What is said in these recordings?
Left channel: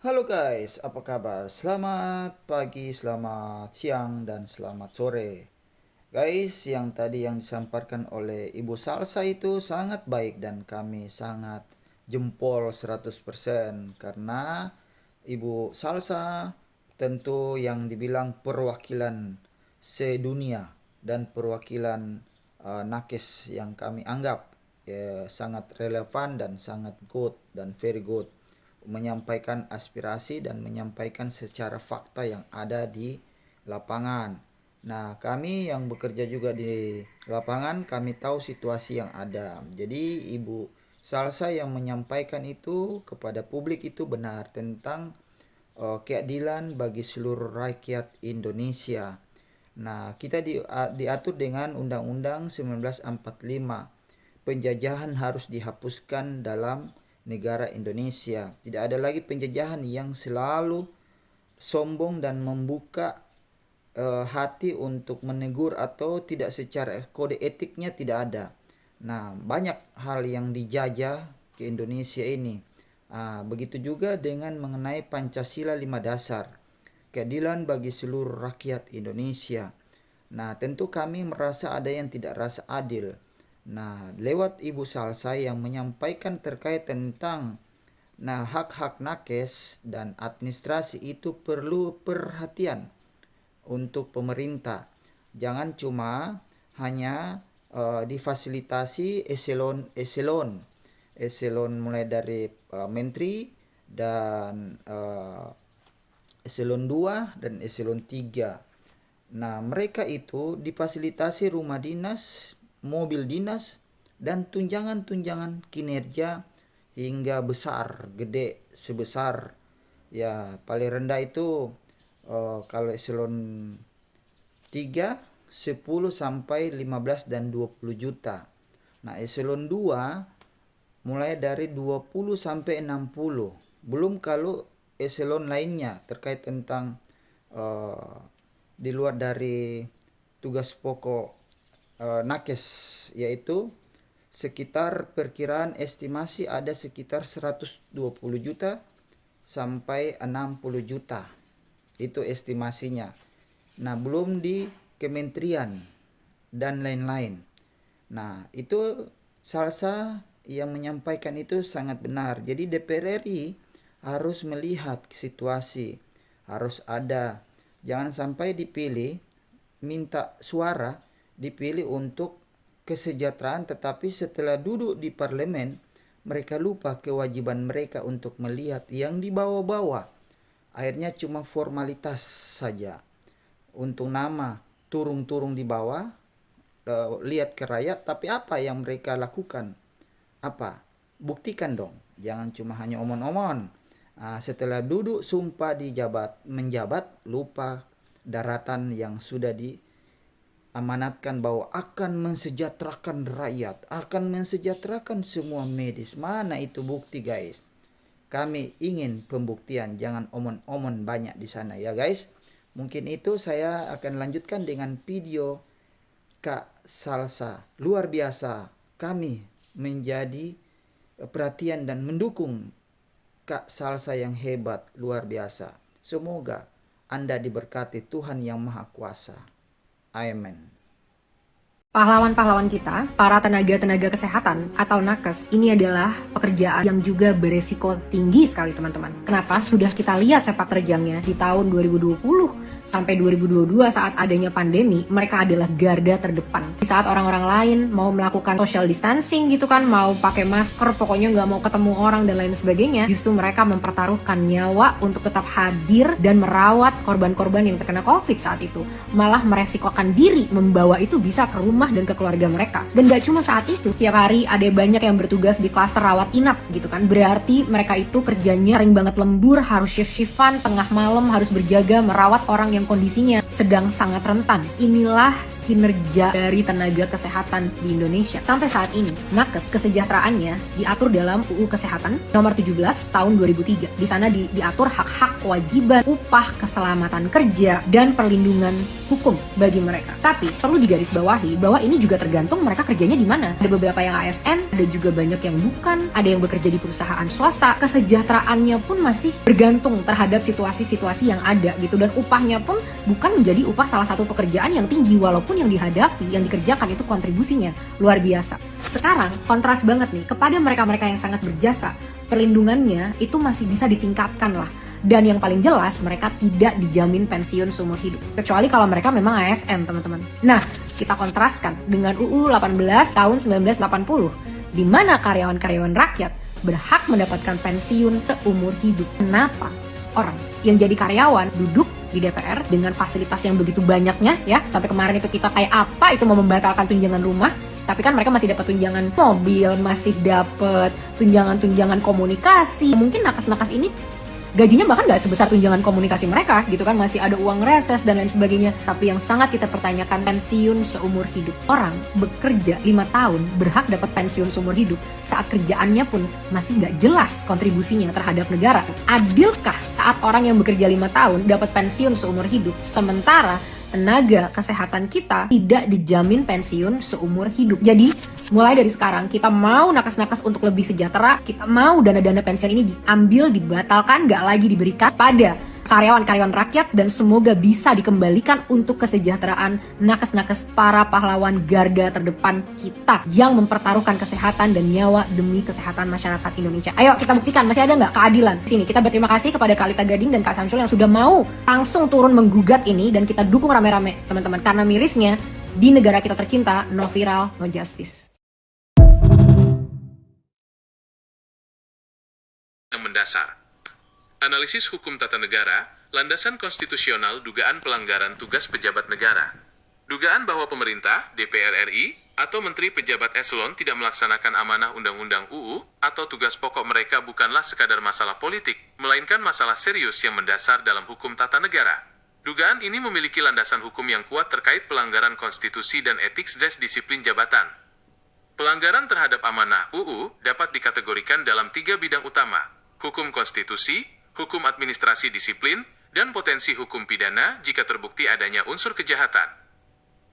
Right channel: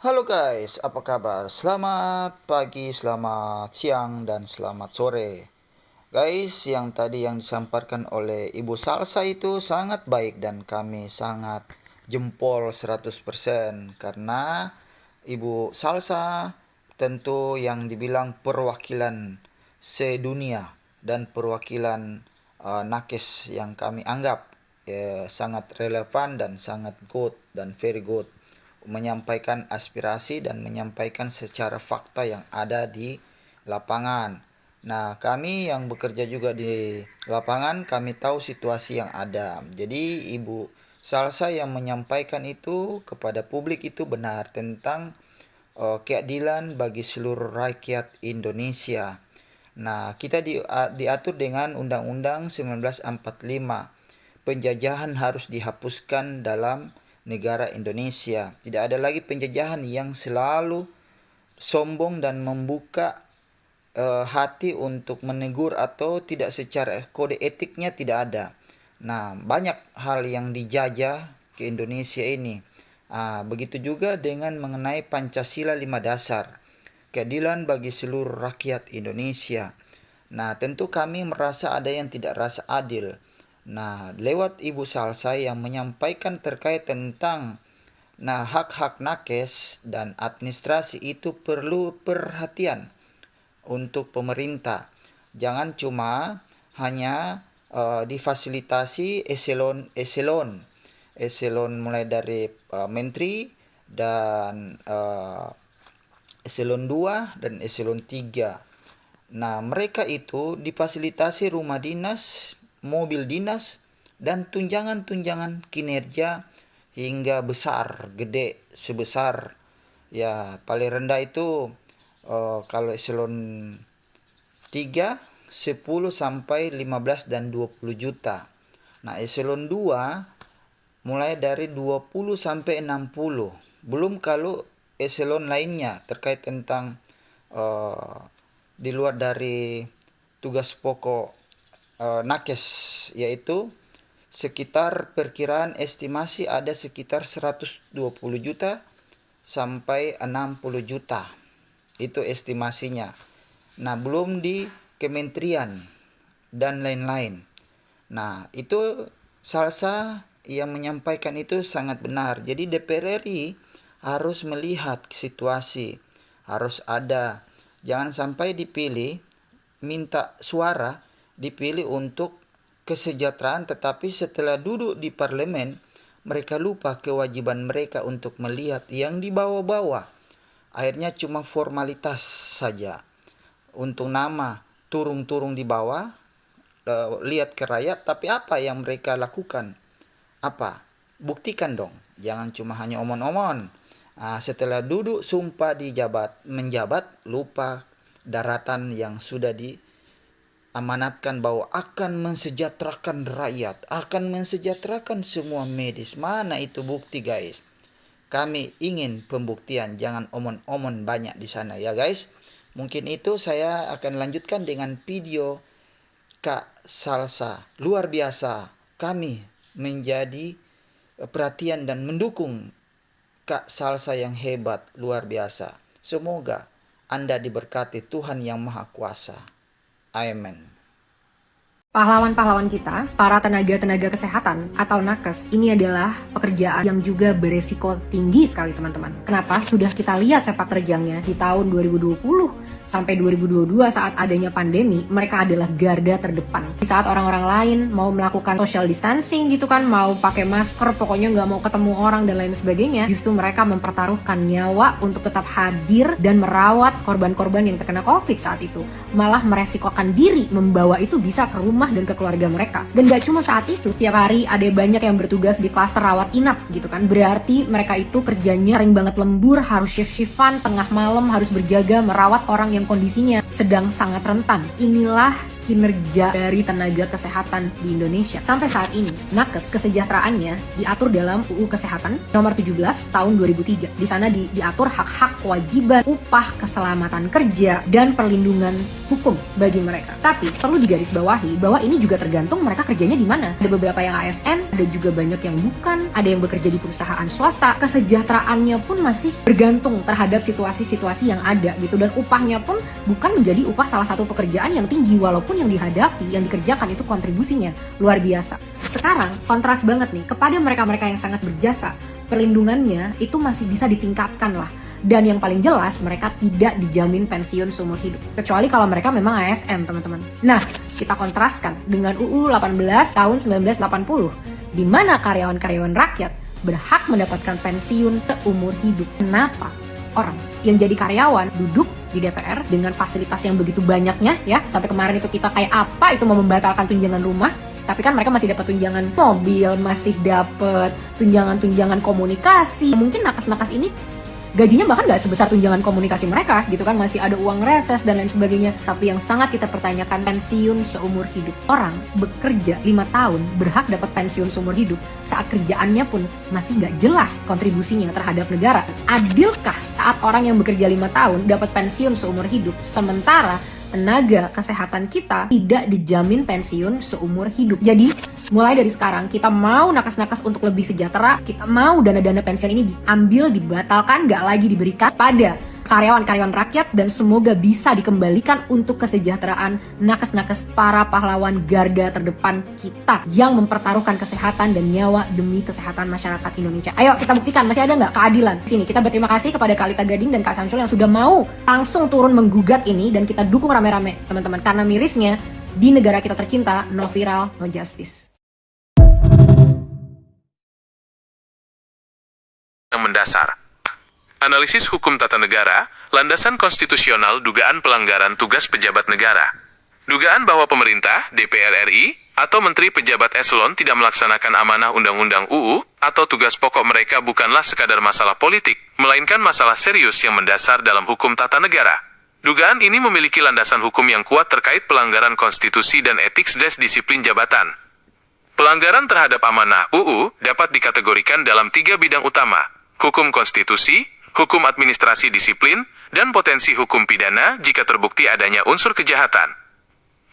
Halo guys, apa kabar? Selamat pagi, selamat siang, dan selamat sore. Guys, yang tadi yang disampaikan oleh Ibu Salsa itu sangat baik dan kami sangat jempol 100% karena Ibu Salsa tentu yang dibilang perwakilan sedunia dan perwakilan nakes yang kami anggap sangat relevan dan sangat good dan very good menyampaikan aspirasi dan menyampaikan secara fakta yang ada di lapangan. Nah, kami yang bekerja juga di lapangan, kami tahu situasi yang ada. Jadi, Ibu Salsa yang menyampaikan itu kepada publik itu benar tentang keadilan bagi seluruh rakyat Indonesia. Nah, kita diatur dengan Undang-Undang 1945. Penjajahan harus dihapuskan dalam negara Indonesia. Tidak ada lagi penjajahan yang selalu sombong dan membuka hati untuk menegur atau tidak secara kode etiknya tidak ada. Nah, banyak hal yang dijajah ke Indonesia ini. Begitu juga dengan mengenai Pancasila 5 dasar. Keadilan bagi seluruh rakyat Indonesia. Nah, tentu kami merasa ada yang tidak rasa adil. Nah, lewat Ibu Salsa yang menyampaikan terkait tentang hak-hak nakes dan administrasi itu perlu perhatian untuk pemerintah. Jangan cuma hanya difasilitasi eselon mulai dari menteri dan eselon 2 dan eselon 3. Nah, mereka itu difasilitasi rumah dinas, mobil dinas, dan tunjangan-tunjangan kinerja hingga besar, gede sebesar ya paling rendah itu kalau eselon 3 10 sampai 15 dan 20 juta. Nah, eselon 2 mulai dari 20 sampai 60. Belum kalau eselon lainnya terkait tentang di luar dari tugas pokok nakes, yaitu sekitar perkiraan estimasi ada sekitar 120 juta sampai 60 juta. Itu estimasinya. Nah, belum di kementerian dan lain-lain. Nah, itu Salsa yang menyampaikan itu sangat benar. Jadi DPR RI harus melihat situasi, harus ada. Jangan sampai dipilih, minta suara, dipilih untuk kesejahteraan, tetapi setelah duduk di parlemen, mereka lupa kewajiban mereka untuk melihat yang di bawah-bawah. Akhirnya cuma formalitas saja. Untuk nama turung-turung di bawah, lihat ke rakyat, tapi apa yang mereka lakukan? Apa? Buktikan dong. Jangan cuma hanya omon-omon. Setelah duduk sumpah menjabat, lupa daratan yang sudah diamanatkan bahwa akan mensejahterakan rakyat, akan mensejahterakan semua medis. Mana itu bukti, guys? Kami ingin pembuktian, jangan omon-omon banyak di sana ya, guys. Mungkin itu saya akan lanjutkan dengan video Kak Salsa. Luar biasa. Kami menjadi perhatian dan mendukung Kak Salsa yang hebat, luar biasa. Semoga Anda diberkati Tuhan Yang Maha Kuasa. Amin. Pahlawan-pahlawan kita, para tenaga-tenaga kesehatan atau nakes, ini adalah pekerjaan yang juga beresiko tinggi sekali teman-teman. Kenapa? Sudah kita lihat sepak terjangnya di tahun 2020 sampai 2022 saat adanya pandemi, mereka adalah garda terdepan. Di saat orang-orang lain mau melakukan social distancing gitu kan, mau pakai masker, pokoknya nggak mau ketemu orang dan lain sebagainya, justru mereka mempertaruhkan nyawa untuk tetap hadir dan merawat korban-korban yang terkena COVID saat itu. Malah meresikokan diri membawa itu bisa ke rumah dan ke keluarga mereka. Dan gak cuma saat itu, setiap hari ada banyak yang bertugas di klaster rawat inap gitu kan. Berarti mereka itu kerjanya sering banget lembur, harus shift-shiftan, tengah malam harus berjaga merawat orang orang yang kondisinya sedang sangat rentan. Inilah kinerja dari tenaga kesehatan di Indonesia. Sampai saat ini, nakes kesejahteraannya diatur dalam UU Kesehatan nomor 17 tahun 2003. Di sana diatur hak-hak, kewajiban, upah, keselamatan kerja, dan perlindungan hukum bagi mereka. Tapi perlu digarisbawahi bahwa ini juga tergantung mereka kerjanya di mana. Ada beberapa yang ASN, ada juga banyak yang bukan, ada yang bekerja di perusahaan swasta. Kesejahteraannya pun masih bergantung terhadap situasi-situasi yang ada gitu, dan upahnya pun bukan menjadi upah salah satu pekerjaan yang tinggi, walaupun yang dihadapi, yang dikerjakan itu kontribusinya luar biasa. Sekarang kontras banget nih kepada mereka-mereka yang sangat berjasa, perlindungannya itu masih bisa ditingkatkan lah. Dan yang paling jelas, mereka tidak dijamin pensiun seumur hidup. Kecuali kalau mereka memang ASN, teman-teman. Nah, kita kontraskan dengan UU 18 tahun 1980, di mana karyawan-karyawan rakyat berhak mendapatkan pensiun seumur hidup. Kenapa orang yang jadi karyawan duduk di DPR dengan fasilitas yang begitu banyaknya ya, sampai kemarin itu kita kayak apa itu mau membatalkan tunjangan rumah, tapi kan mereka masih dapat tunjangan mobil, masih dapat tunjangan-tunjangan komunikasi. Mungkin nakes-nakes ini gajinya bahkan nggak sebesar tunjangan komunikasi mereka gitu kan, masih ada uang reses dan lain sebagainya. Tapi yang sangat kita pertanyakan, pensiun seumur hidup. Orang bekerja 5 tahun berhak dapat pensiun seumur hidup saat kerjaannya pun masih nggak jelas kontribusinya terhadap negara. Adilkah saat orang yang bekerja 5 tahun dapat pensiun seumur hidup, sementara tenaga kesehatan kita tidak dijamin pensiun seumur hidup? Jadi mulai dari sekarang kita mau nakes-nakes untuk lebih sejahtera, kita mau dana-dana pensiun ini diambil, dibatalkan, nggak lagi diberikan pada karyawan-karyawan rakyat, dan semoga bisa dikembalikan untuk kesejahteraan nakes-nakes, para pahlawan garda terdepan kita yang mempertaruhkan kesehatan dan nyawa demi kesehatan masyarakat Indonesia. Ayo kita buktikan masih ada nggak keadilan. Sini kita berterima kasih kepada Kak Lita Gading dan Kak Samsul yang sudah mau langsung turun menggugat ini, dan kita dukung rame-rame teman-teman, karena mirisnya di negara kita tercinta, no viral, no justice. Yang mendasar. Analisis hukum tata negara, landasan konstitusional dugaan pelanggaran tugas pejabat negara. Dugaan bahwa pemerintah, DPR RI, atau menteri pejabat eselon tidak melaksanakan amanah undang-undang UU atau tugas pokok mereka bukanlah sekadar masalah politik, melainkan masalah serius yang mendasar dalam hukum tata negara. Dugaan ini memiliki landasan hukum yang kuat terkait pelanggaran konstitusi dan etik disiplin jabatan. Pelanggaran terhadap amanah UU dapat dikategorikan dalam 3 bidang utama: hukum konstitusi, hukum administrasi disiplin, dan potensi hukum pidana jika terbukti adanya unsur kejahatan.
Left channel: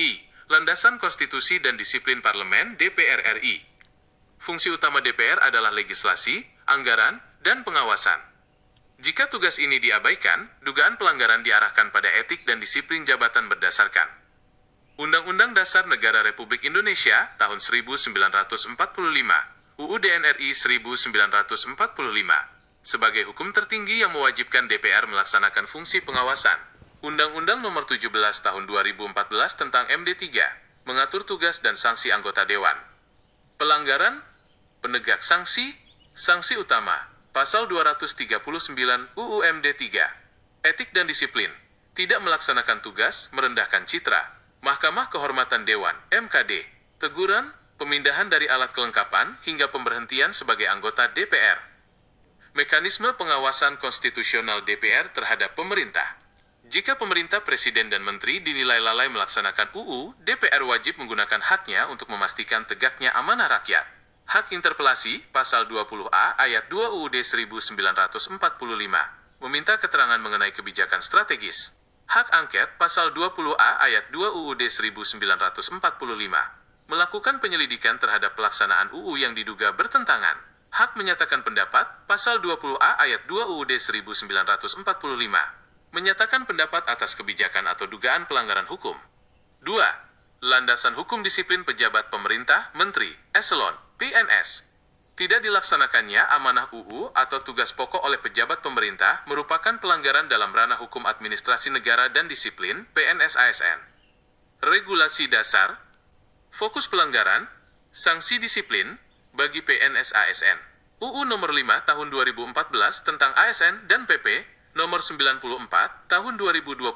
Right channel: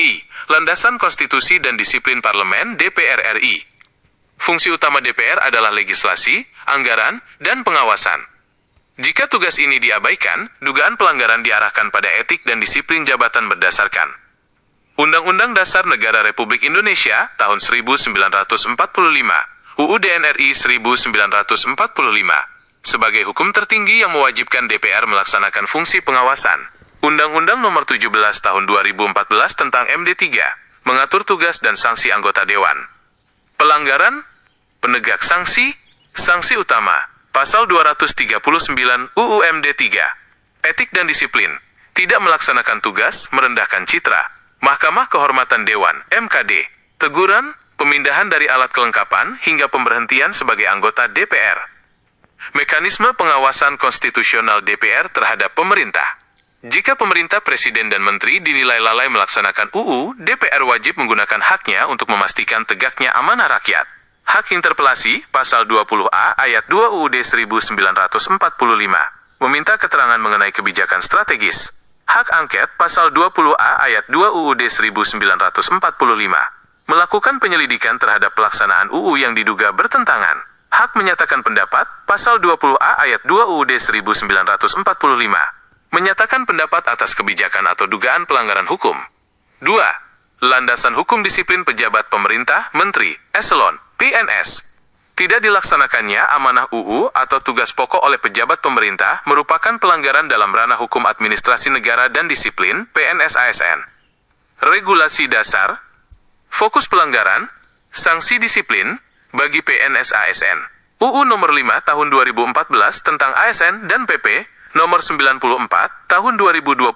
I. Landasan konstitusi dan disiplin parlemen DPR RI. Fungsi utama DPR adalah legislasi, anggaran, dan pengawasan. Jika tugas ini diabaikan, dugaan pelanggaran diarahkan pada etik dan disiplin jabatan berdasarkan Undang-Undang Dasar Negara Republik Indonesia tahun 1945, UU DNRI 1945. Sebagai hukum tertinggi yang mewajibkan DPR melaksanakan fungsi pengawasan. Undang-Undang Nomor 17 Tahun 2014 tentang MD3 mengatur tugas dan sanksi anggota dewan. Pelanggaran, penegak sanksi, sanksi utama, Pasal 239 UU MD3. Etik dan disiplin, tidak melaksanakan tugas, merendahkan citra, Mahkamah Kehormatan Dewan, MKD, teguran, pemindahan dari alat kelengkapan, hingga pemberhentian sebagai anggota DPR. Mekanisme pengawasan konstitusional DPR terhadap pemerintah. Jika pemerintah, presiden, dan menteri dinilai lalai melaksanakan UU, DPR wajib menggunakan haknya untuk memastikan tegaknya amanah rakyat. Hak interpelasi, Pasal 20A ayat 2 UUD 1945, meminta keterangan mengenai kebijakan strategis. Hak angket, Pasal 20A ayat 2 UUD 1945, melakukan penyelidikan terhadap pelaksanaan UU yang diduga bertentangan. Hak menyatakan pendapat, Pasal 20A ayat 2 UUD 1945, menyatakan pendapat atas kebijakan atau dugaan pelanggaran hukum. 2. Landasan hukum disiplin pejabat pemerintah, menteri, eselon, PNS. Tidak dilaksanakannya amanah UU atau tugas pokok oleh pejabat pemerintah merupakan pelanggaran dalam ranah hukum administrasi negara dan disiplin, PNS ASN. Regulasi dasar, fokus pelanggaran, sanksi disiplin, bagi PNS ASN. UU Nomor 5 Tahun 2014 tentang ASN dan PP Nomor 94 Tahun 2021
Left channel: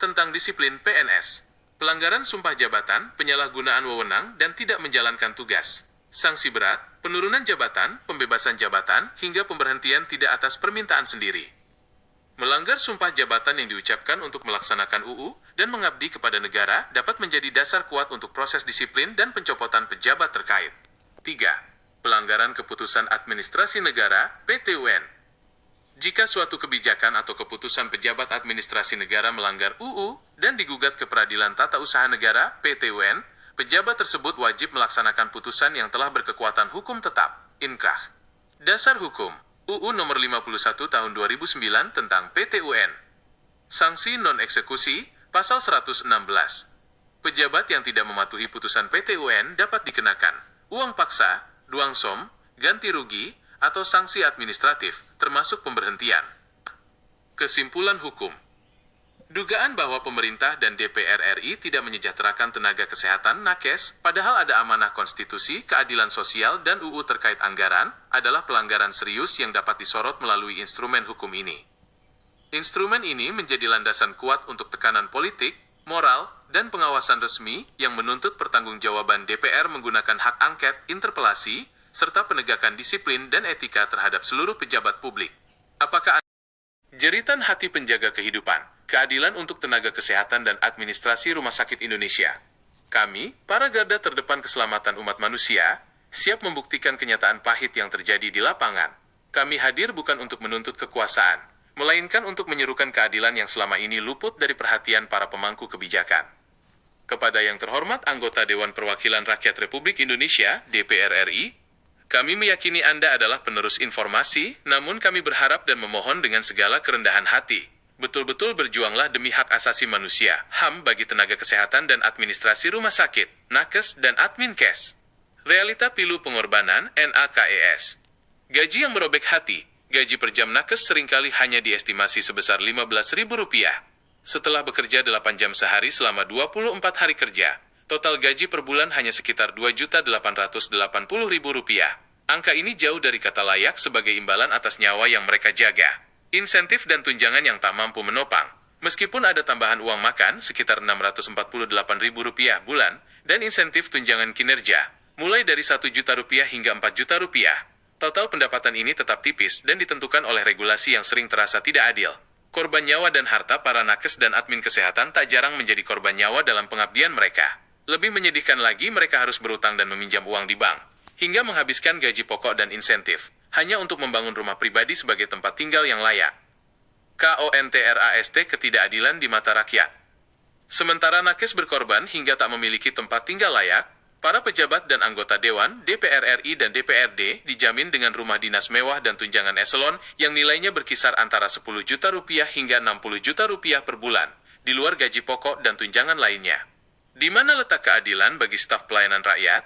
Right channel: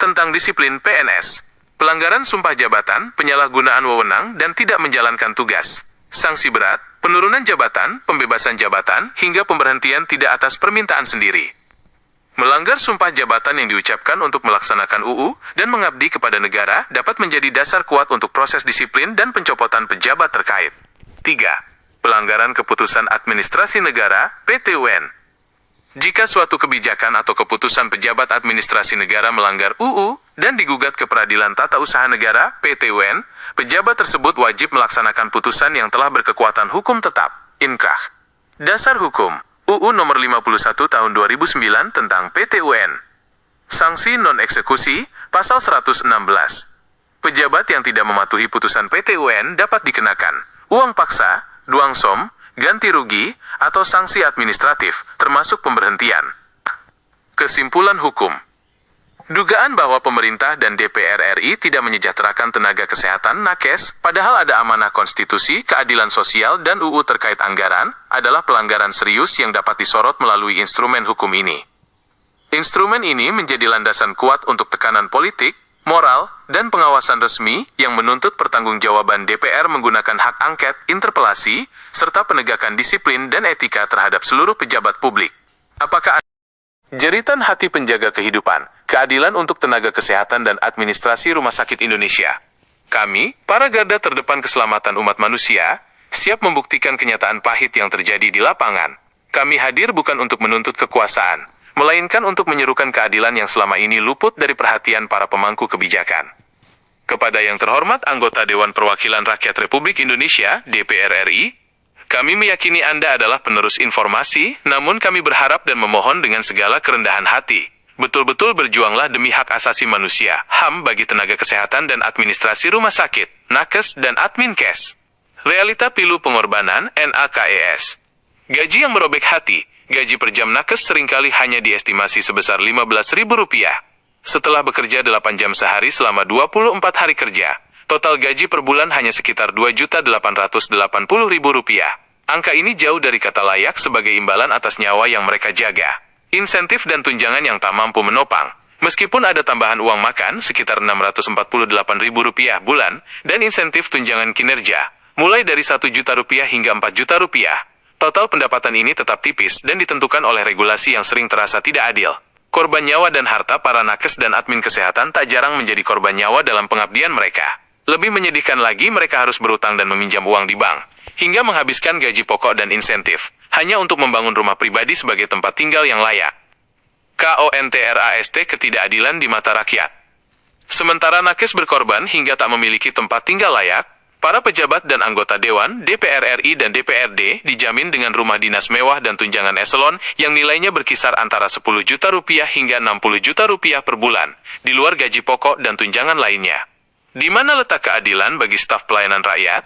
tentang disiplin PNS. Pelanggaran sumpah jabatan, penyalahgunaan wewenang, dan tidak menjalankan tugas. Sanksi berat, penurunan jabatan, pembebasan jabatan, hingga pemberhentian tidak atas permintaan sendiri. Melanggar sumpah jabatan yang diucapkan untuk melaksanakan UU dan mengabdi kepada negara dapat menjadi dasar kuat untuk proses disiplin dan pencopotan pejabat terkait. 3. Pelanggaran keputusan administrasi negara (PT-UN). Jika suatu kebijakan atau keputusan pejabat administrasi negara melanggar UU dan digugat ke Peradilan Tata Usaha Negara (PT-UN), pejabat tersebut wajib melaksanakan putusan yang telah berkekuatan hukum tetap (inkrah). Dasar hukum UU Nomor 51 Tahun 2009 tentang PT-UN. Sanksi non-eksekusi Pasal 116. Pejabat yang tidak mematuhi putusan PT-UN dapat dikenakan uang paksa, duangsom, ganti rugi, atau sanksi administratif, termasuk pemberhentian. Kesimpulan hukum. Dugaan bahwa pemerintah dan DPR RI tidak menyejahterakan tenaga kesehatan nakes, padahal ada amanah konstitusi, keadilan sosial, dan UU terkait anggaran, adalah pelanggaran serius yang dapat disorot melalui instrumen hukum ini. Instrumen ini menjadi landasan kuat untuk tekanan politik, moral, dan pengawasan resmi yang menuntut pertanggungjawaban DPR menggunakan hak angket, interpelasi, serta penegakan disiplin dan etika terhadap seluruh pejabat publik. Apakah jeritan hati penjaga kehidupan, keadilan untuk tenaga kesehatan dan administrasi Rumah Sakit Indonesia. Kami, para garda terdepan keselamatan umat manusia, siap membuktikan kenyataan pahit yang terjadi di lapangan. Kami hadir bukan untuk menuntut kekuasaan, melainkan untuk menyerukan keadilan yang selama ini luput dari perhatian para pemangku kebijakan. Kepada yang terhormat anggota Dewan Perwakilan Rakyat Republik Indonesia, DPR RI, kami meyakini Anda adalah penerus informasi, namun kami berharap dan memohon dengan segala kerendahan hati. Betul-betul berjuanglah demi hak asasi manusia, HAM bagi tenaga kesehatan dan administrasi rumah sakit, nakes dan adminkes. Realita pilu pengorbanan, NAKES. Gaji yang merobek hati, gaji per jam nakes seringkali hanya diestimasi sebesar Rp15.000. Setelah bekerja 8 jam sehari selama 24 hari kerja, total gaji per bulan hanya sekitar Rp2.880.000. Angka ini jauh dari kata layak sebagai imbalan atas nyawa yang mereka jaga. Insentif dan tunjangan yang tak mampu menopang. Meskipun ada tambahan uang makan sekitar Rp648.000 bulan dan insentif tunjangan kinerja, mulai dari Rp1 juta hingga Rp4 juta. Total pendapatan ini tetap tipis dan ditentukan oleh regulasi yang sering terasa tidak adil. Korban nyawa dan harta para nakes dan admin kesehatan tak jarang menjadi korban nyawa dalam pengabdian mereka. Lebih menyedihkan lagi mereka harus berutang dan meminjam uang di bank, hingga menghabiskan gaji pokok dan insentif, hanya untuk membangun rumah pribadi sebagai tempat tinggal yang layak. KONTRAST ketidakadilan di mata rakyat. Sementara nakes berkorban hingga tak memiliki tempat tinggal layak, para pejabat dan anggota Dewan, DPR RI dan DPRD dijamin dengan rumah dinas mewah dan tunjangan eselon yang nilainya berkisar antara Rp10 juta hingga Rp60 juta per bulan, di luar gaji pokok dan tunjangan lainnya. Di mana letak keadilan bagi staf pelayanan rakyat?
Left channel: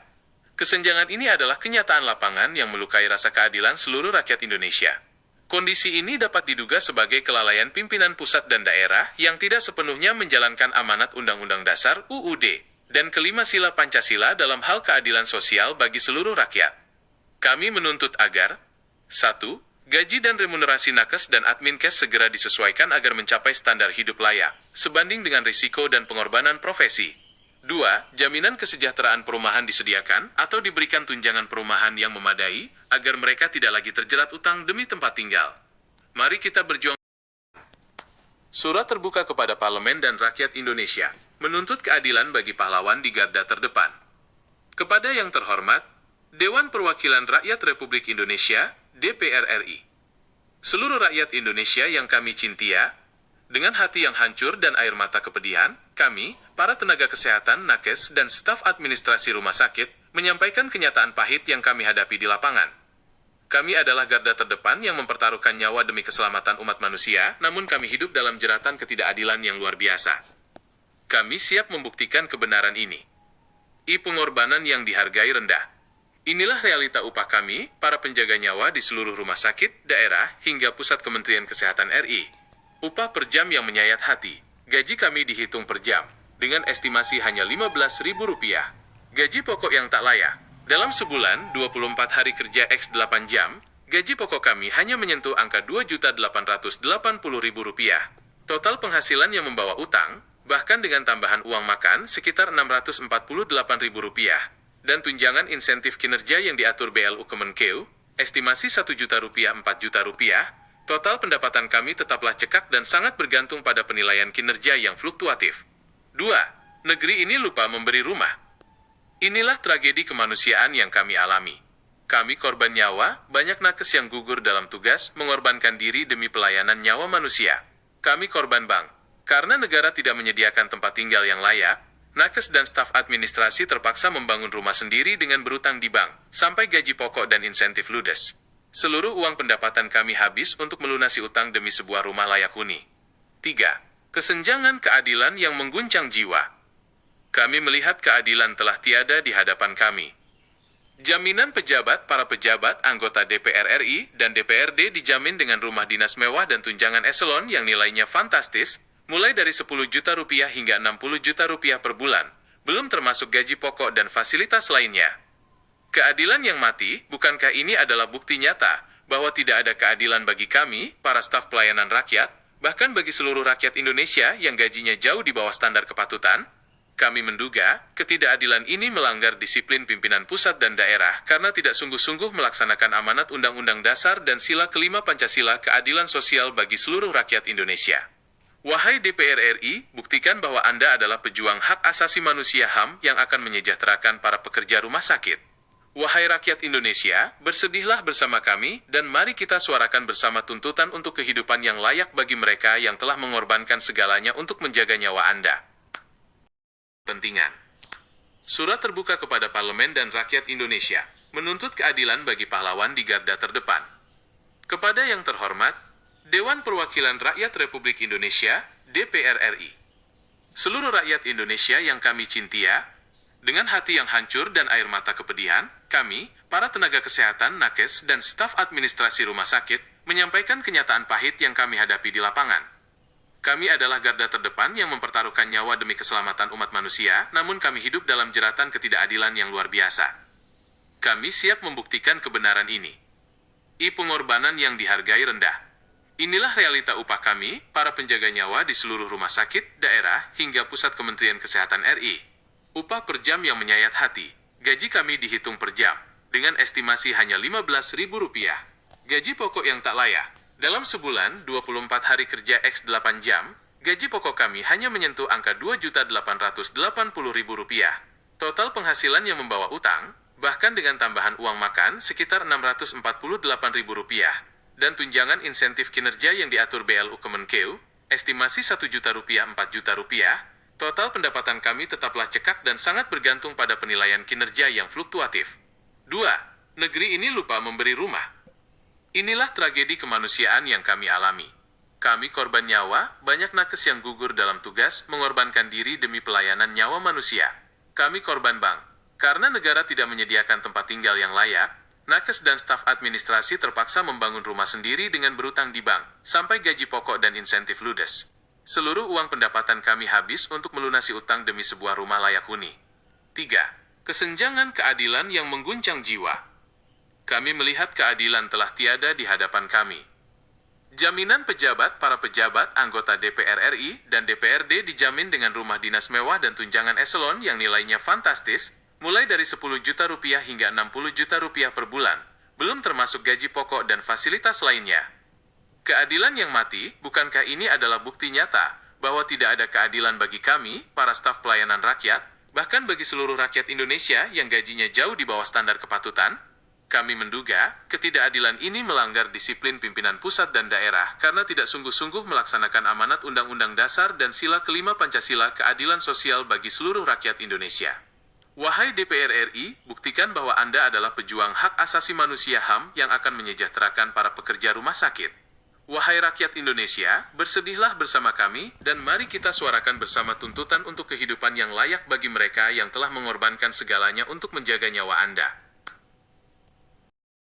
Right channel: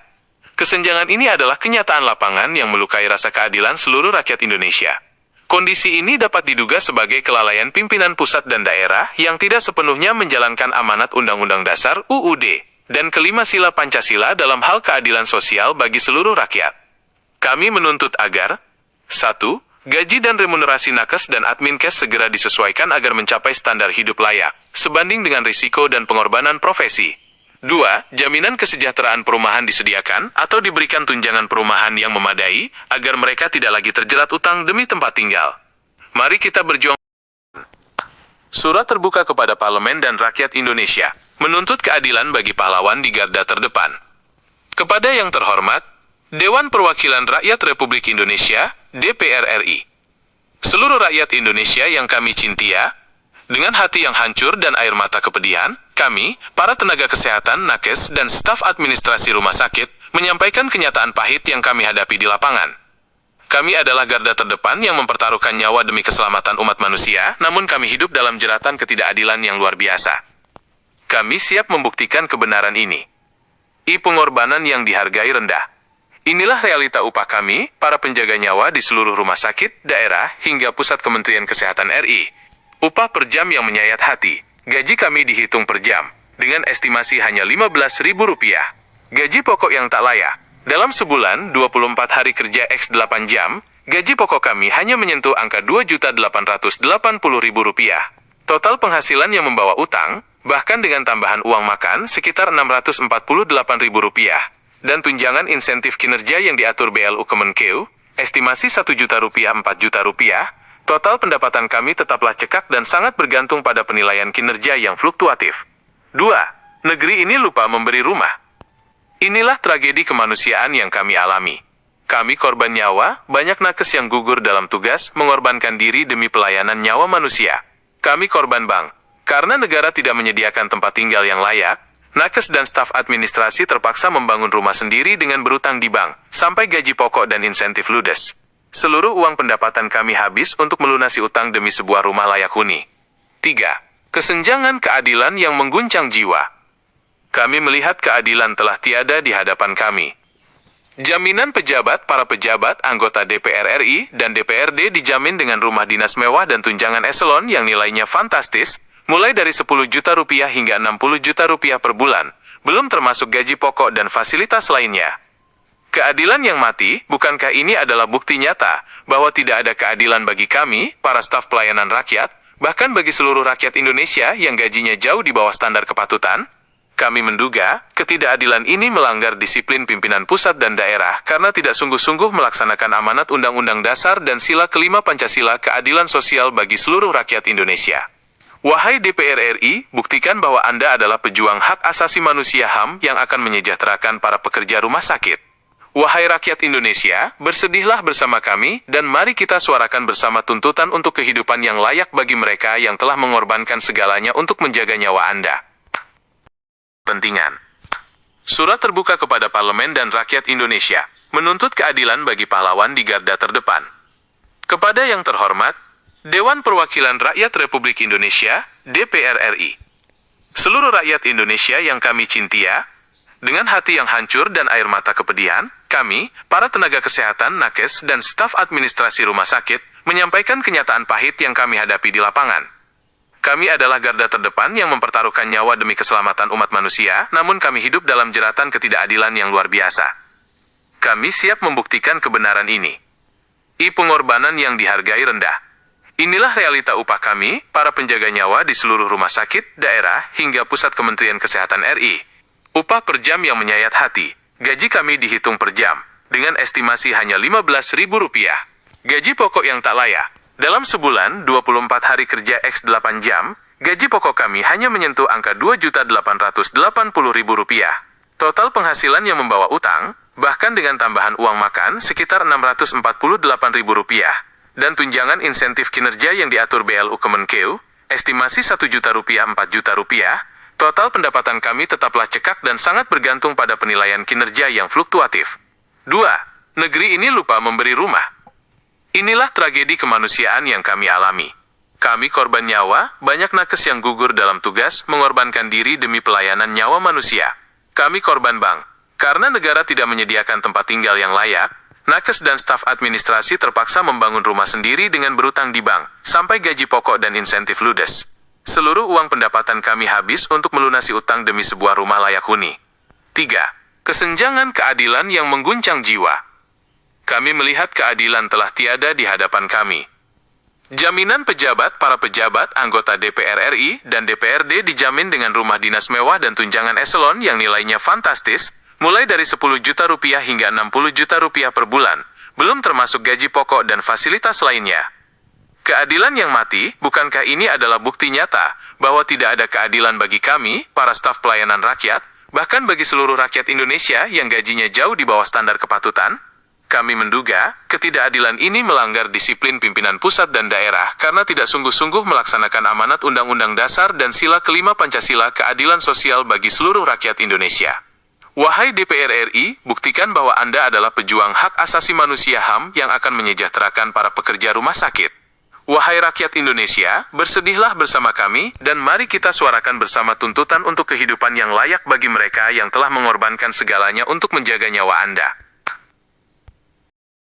Kesenjangan ini adalah kenyataan lapangan yang melukai rasa keadilan seluruh rakyat Indonesia. Kondisi ini dapat diduga sebagai kelalaian pimpinan pusat dan daerah yang tidak sepenuhnya menjalankan amanat Undang-Undang Dasar (UUD) dan kelima sila Pancasila dalam hal keadilan sosial bagi seluruh rakyat. Kami menuntut agar 1. Gaji dan remunerasi nakes dan adminkes segera disesuaikan agar mencapai standar hidup layak, sebanding dengan risiko dan pengorbanan profesi. 2. Jaminan kesejahteraan perumahan disediakan atau diberikan tunjangan perumahan yang memadai agar mereka tidak lagi terjerat utang demi tempat tinggal. Mari kita berjuang. Surat terbuka kepada Parlemen dan rakyat Indonesia, menuntut keadilan bagi pahlawan di garda terdepan. Kepada yang terhormat, Dewan Perwakilan Rakyat Republik Indonesia, DPR RI. Seluruh rakyat Indonesia yang kami cintia, dengan hati yang hancur dan air mata kepedihan, kami, para tenaga kesehatan, nakes, dan staf administrasi rumah sakit, menyampaikan kenyataan pahit yang kami hadapi di lapangan. Kami adalah garda terdepan yang mempertaruhkan nyawa demi keselamatan umat manusia, namun kami hidup dalam jeratan ketidakadilan yang luar biasa. Kami siap membuktikan kebenaran ini. Pengorbanan yang dihargai rendah. Inilah realita upah kami, para penjaga nyawa di seluruh rumah sakit, daerah, hingga pusat Kementerian Kesehatan RI. Upah per jam yang menyayat hati. Gaji kami dihitung per jam, dengan estimasi hanya Rp15.000. Gaji pokok yang tak layak. Dalam sebulan, 24 hari kerja X 8 jam, gaji pokok kami hanya menyentuh angka Rp2.880.000. Total penghasilan yang membawa utang, bahkan dengan tambahan uang makan, sekitar Rp648.000. Dan tunjangan insentif kinerja yang diatur BLU Kemenkeu, estimasi Rp1 juta, Rp4 juta, total pendapatan kami tetaplah cekak dan sangat bergantung pada penilaian kinerja yang fluktuatif. 2. Negeri ini lupa memberi rumah. Inilah tragedi kemanusiaan yang kami alami. Kami korban nyawa, banyak nakes yang gugur dalam tugas, mengorbankan diri demi pelayanan nyawa manusia. Kami korban bank. Karena negara tidak menyediakan tempat tinggal yang layak, nakes dan staf administrasi terpaksa membangun rumah sendiri dengan berutang di bank, sampai gaji pokok dan insentif ludes. Seluruh uang pendapatan kami habis untuk melunasi utang demi sebuah rumah layak huni. 3. Kesenjangan keadilan yang mengguncang jiwa. Kami melihat keadilan telah tiada di hadapan kami. Jaminan para pejabat, anggota DPR RI, dan DPRD dijamin dengan rumah dinas mewah dan tunjangan eselon yang nilainya fantastis, mulai dari 10 juta rupiah hingga 60 juta rupiah per bulan, belum termasuk gaji pokok dan fasilitas lainnya. Keadilan yang mati, bukankah ini adalah bukti nyata bahwa tidak ada keadilan bagi kami, para staf pelayanan rakyat, bahkan bagi seluruh rakyat Indonesia yang gajinya jauh di bawah standar kepatutan? Kami menduga, ketidakadilan ini melanggar disiplin pimpinan pusat dan daerah karena tidak sungguh-sungguh melaksanakan amanat Undang-Undang Dasar dan Sila kelima Pancasila keadilan sosial bagi seluruh rakyat Indonesia. Wahai DPR RI, buktikan bahwa Anda adalah pejuang hak asasi manusia HAM yang akan menyejahterakan para pekerja rumah sakit. Wahai rakyat Indonesia, bersedihlah bersama kami dan mari kita suarakan bersama tuntutan untuk kehidupan yang layak bagi mereka yang telah mengorbankan segalanya untuk menjaga nyawa Anda. Pentingan. Surat terbuka kepada Parlemen dan rakyat Indonesia, menuntut keadilan bagi pahlawan di garda terdepan. Kepada yang terhormat, Dewan Perwakilan Rakyat Republik Indonesia, DPR RI. Seluruh rakyat Indonesia yang kami cintia, dengan hati yang hancur dan air mata kepedihan, kami, para tenaga kesehatan, nakes, dan staf administrasi rumah sakit, menyampaikan kenyataan pahit yang kami hadapi di lapangan. Kami adalah garda terdepan yang mempertaruhkan nyawa demi keselamatan umat manusia, namun kami hidup dalam jeratan ketidakadilan yang luar biasa. Kami siap membuktikan kebenaran ini. Pengorbanan yang dihargai rendah. Inilah realita upah kami, para penjaga nyawa di seluruh rumah sakit, daerah, hingga pusat Kementerian Kesehatan RI. Upah per jam yang menyayat hati. Gaji kami dihitung per jam, dengan estimasi hanya Rp15.000. Gaji pokok yang tak layak. Dalam sebulan, 24 hari kerja X 8 jam, gaji pokok kami hanya menyentuh angka Rp2.880.000. Total penghasilan yang membawa utang, bahkan dengan tambahan uang makan, sekitar Rp648.000. Dan tunjangan insentif kinerja yang diatur BLU Kemenkeu, estimasi Rp1.000.000 Rp4.000.000, total pendapatan kami tetaplah cekak dan sangat bergantung pada penilaian kinerja yang fluktuatif. 2. Negeri ini lupa memberi rumah. Inilah tragedi kemanusiaan yang kami alami. Kami korban nyawa, banyak nakes yang gugur dalam tugas, mengorbankan diri demi pelayanan nyawa manusia. Kami korban bank. Karena negara tidak menyediakan tempat tinggal yang layak, nakes dan staf administrasi terpaksa membangun rumah sendiri dengan berutang di bank, sampai gaji pokok dan insentif ludes. Seluruh uang pendapatan kami habis untuk melunasi utang demi sebuah rumah layak huni. 3. Kesenjangan keadilan yang mengguncang jiwa. Kami melihat keadilan telah tiada di hadapan kami. Jaminan para pejabat, anggota DPR RI, dan DPRD dijamin dengan rumah dinas mewah dan tunjangan eselon yang nilainya fantastis, mulai dari 10 juta rupiah hingga 60 juta rupiah per bulan, belum termasuk gaji pokok dan fasilitas lainnya. Keadilan yang mati, bukankah ini adalah bukti nyata bahwa tidak ada keadilan bagi kami, para staf pelayanan rakyat, bahkan bagi seluruh rakyat Indonesia yang gajinya jauh di bawah standar kepatutan? Kami menduga, ketidakadilan ini melanggar disiplin pimpinan pusat dan daerah karena tidak sungguh-sungguh melaksanakan amanat Undang-Undang Dasar dan Sila kelima Pancasila keadilan sosial bagi seluruh rakyat Indonesia. Wahai DPR RI, buktikan bahwa Anda adalah pejuang hak asasi manusia HAM yang akan menyejahterakan para pekerja rumah sakit. Wahai rakyat Indonesia, bersedihlah bersama kami dan mari kita suarakan bersama tuntutan untuk kehidupan yang layak bagi mereka yang telah mengorbankan segalanya untuk menjaga nyawa Anda.